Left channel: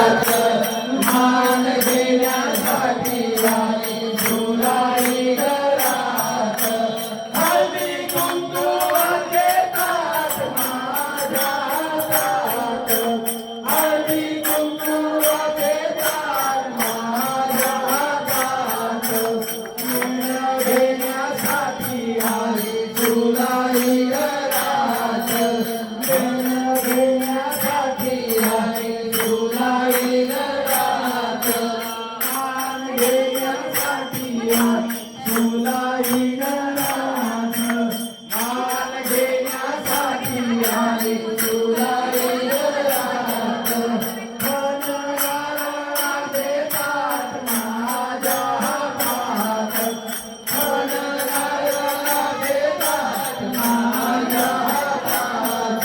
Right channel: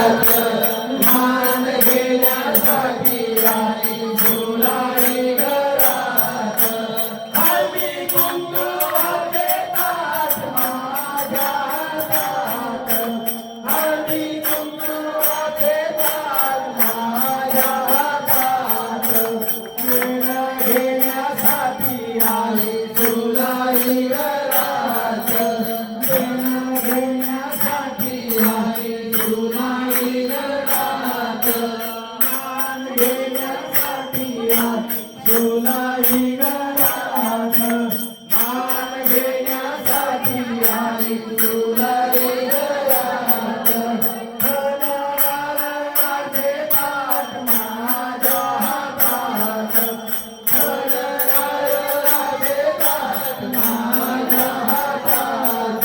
मान